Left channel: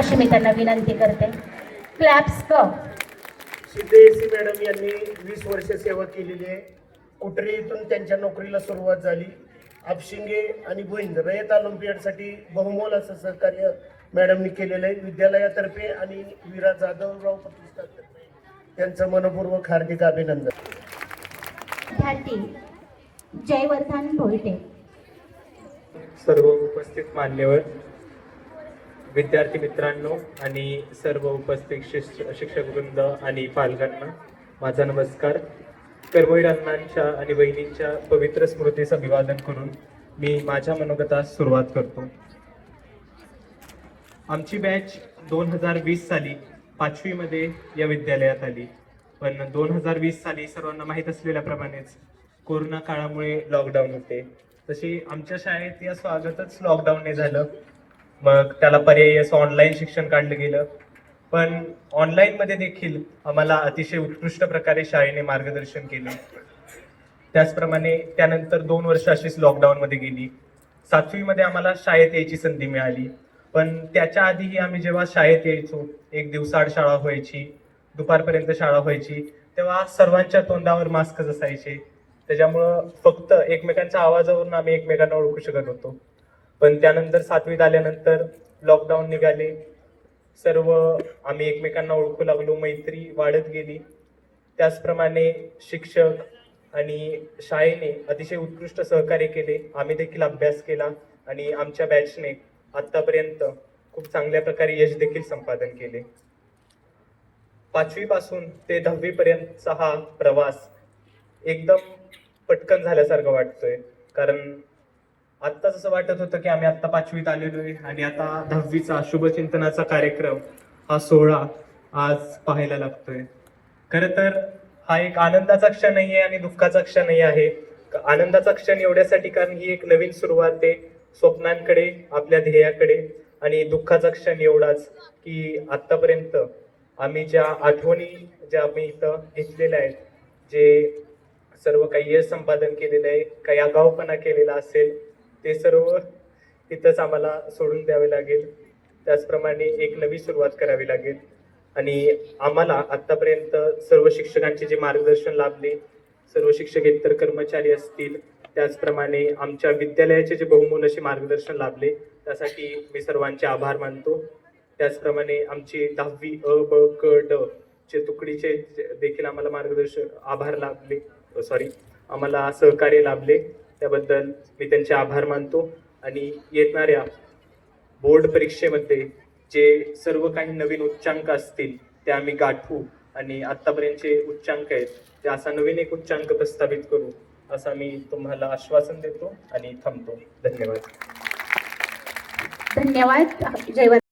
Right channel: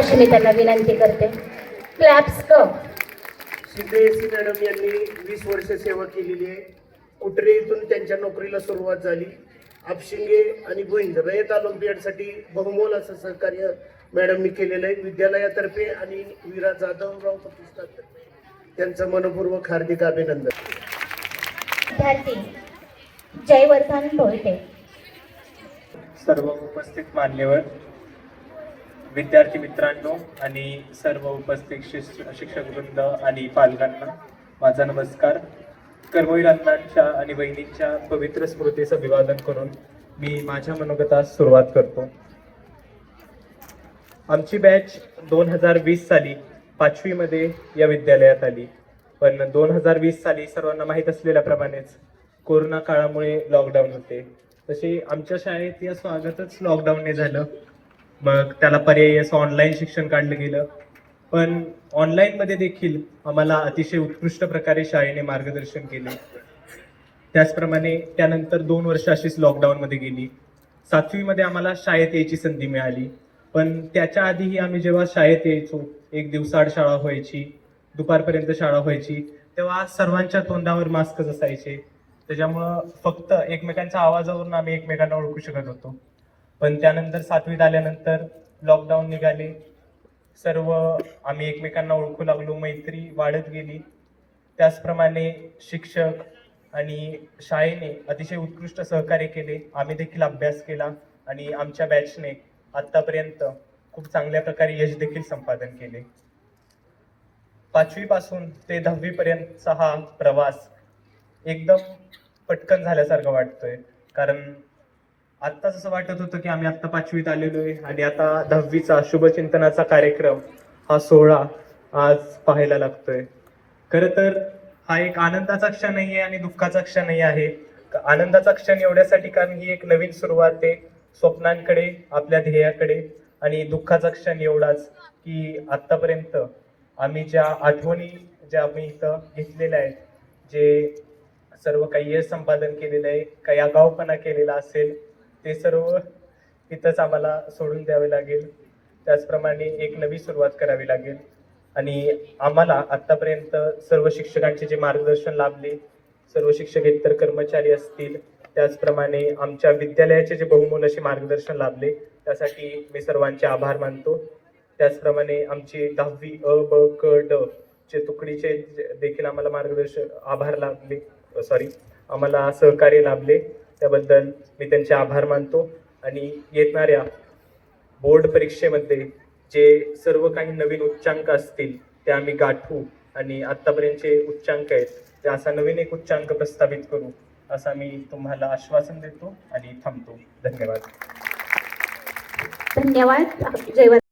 अशी मी त्यांना विनंती करते. क्लॅप्स क शिंदे मॅडम यांनी 20 वर्ष सेवा केलेली आहे. कुटरे इथून त्यांच्या नोकरीला सुरुवात झाली. आपशिंगे आणि गोविंद रयत ऑलिम्पियाडसाठी बहुमोल असं सहकार्य मॅडमनी केलेलं आहे. विद्यालयातर्फे आणि वीरा जाधवराव प्रतिष्ठानतर्फे त्यांचं मनपूर्वक हार्दिक अभिनंदन. विद्यार्थी जयवर्धन भोईटे. सर्व उपस्थित मान्यवर, विद्यार्थी मित्रांनो आणि सर्व उपस्थित शिक्षकवृंद आणि पालकांना माझा नमस्कार. कर्मवीर अण्णांच्या आणि बहिणींच्या पवित्र स्मृतीचं अभिवादन करून मी माझ्या मनोगतास सुरुवात करतो. आमची बॅच 2020 साली 5वी मध्ये या विद्यालयात आली, पण 2020 साली सर्वांना माहीत असलेल्याप्रमाणेच कोरोना काळामुळे लॉकडाऊन होते. तसे आमच्या शाळेत या स्वागतच लॉकडाऊनने झालं. मग त्याला पर्यायी असं ऑनलाईन शिक्षण काढलं गेलं. पण ऑनलाईनमध्ये देखील आम्हाला अतिशय उत्कृष्ट प्रकारे शाळेने मार्गदर्शन केले. त्याचप्रमाणे त्यानंतर 2 वर्ष अशीच लॉकडाऊनमध्ये गेली. 7वी मध्ये आम्हाला शाळेत यायची संधी मिळाली. पण त्याच्या आधीही आम्ही जेव्हा शाळेत यायचो, एक दिवसाआड शाळा व्हायची, दुपारपर्यंत शाळा व्हायची, तेव्हा सर्वांच्या तोंडावर मास्कच असायचे. त्याच्यामुळं फक्त एकमेकांच्या आवाजावरून आम्ही एकमेकांना ओळखू शकत होतो. पण त्यानंतर 7वीत आल्यानंतर लॉकडाऊन निघाले. सर्व आम्ही एकमेकांना ओळखू लागलो, मैत्री वाढत गेली. त्याचप्रमाणे शिक्षक आणि शाळेने अतिशय उत्कृष्ट सहकार्य केले. आम्ही देखील अभ्यास केला आणि आमच्या बॅचने आत्तापर्यंत खूप चांगल्या प्रकारे यश देखील संपादन केले. 5वी पासून ते 10वी पर्यंतचा हा प्रवास एकदम पटकन झाल्यासारखं वाटतोय. कारण आत्ताच असं वाटत होतं की आम्ही आत्ता 5वीत आलेलोय आणि आता 10वीचा शुभचिंतनाचा कार्यक्रम हा सोहळा आज पाहायला लागतोय. खरं तर हा एक आनंदाचा क्षणही आहे आणि दुःखाचा क्षणही आहे. आनंदाचा क्षण एवढ्यासाठी कारण ही एक नवीन सुरुवात आहे स्वप्नांकडे, आपल्या ध्येयाकडे. आणि दुःखाचा क्षण एवढाच की आत्तापर्यंत आम्ही ज्या आठवणी ज्या आम्ही इथं घेतलेल्या आहेत, जे सर्व काही यश संपादन केलेलं आहे, काही आगाऊपणा केलेला असेल, ते सर्व तिथंच आम्हाला सोडून द्यावे लागेल. त्याचप्रमाणे एक नवी सुरुवात करावी लागेल. आणि आम्हाला आत्तापर्यंत सर्व शिक्षकांचे जे मार्गदर्शन लाभले, सर्व शिक्षकेतर कर्मचारी असतील, त्याचप्रमाणे आमच्या विद्यालयाचे जे बहुमोल असे मार्गदर्शन लाभले, त्यासाठी मी सर्वांचे आभार मानतो. त्याचप्रमाणे आमची 10वी अ ब क ड चे तुकडीचे देखील आम्हाला आम्हाला सहकार्य लाभले. त्याबद्दल मी त्यांचे आभार मानतो. आणि येणाऱ्या बोर्ड परीक्षेमध्ये जे सर्व काही नवीन उच्चांक असतील ते आम्ही गाठू आणि आत्तापर्यंतचे उच्चांक आहेत ते असा नवीन एक उच्चांक प्रस्थापित करू, असं मी तुम्हाला आश्वासन देतो आणि थांबतो. धन्यवाद. धन्यवाद. जयवर्धन.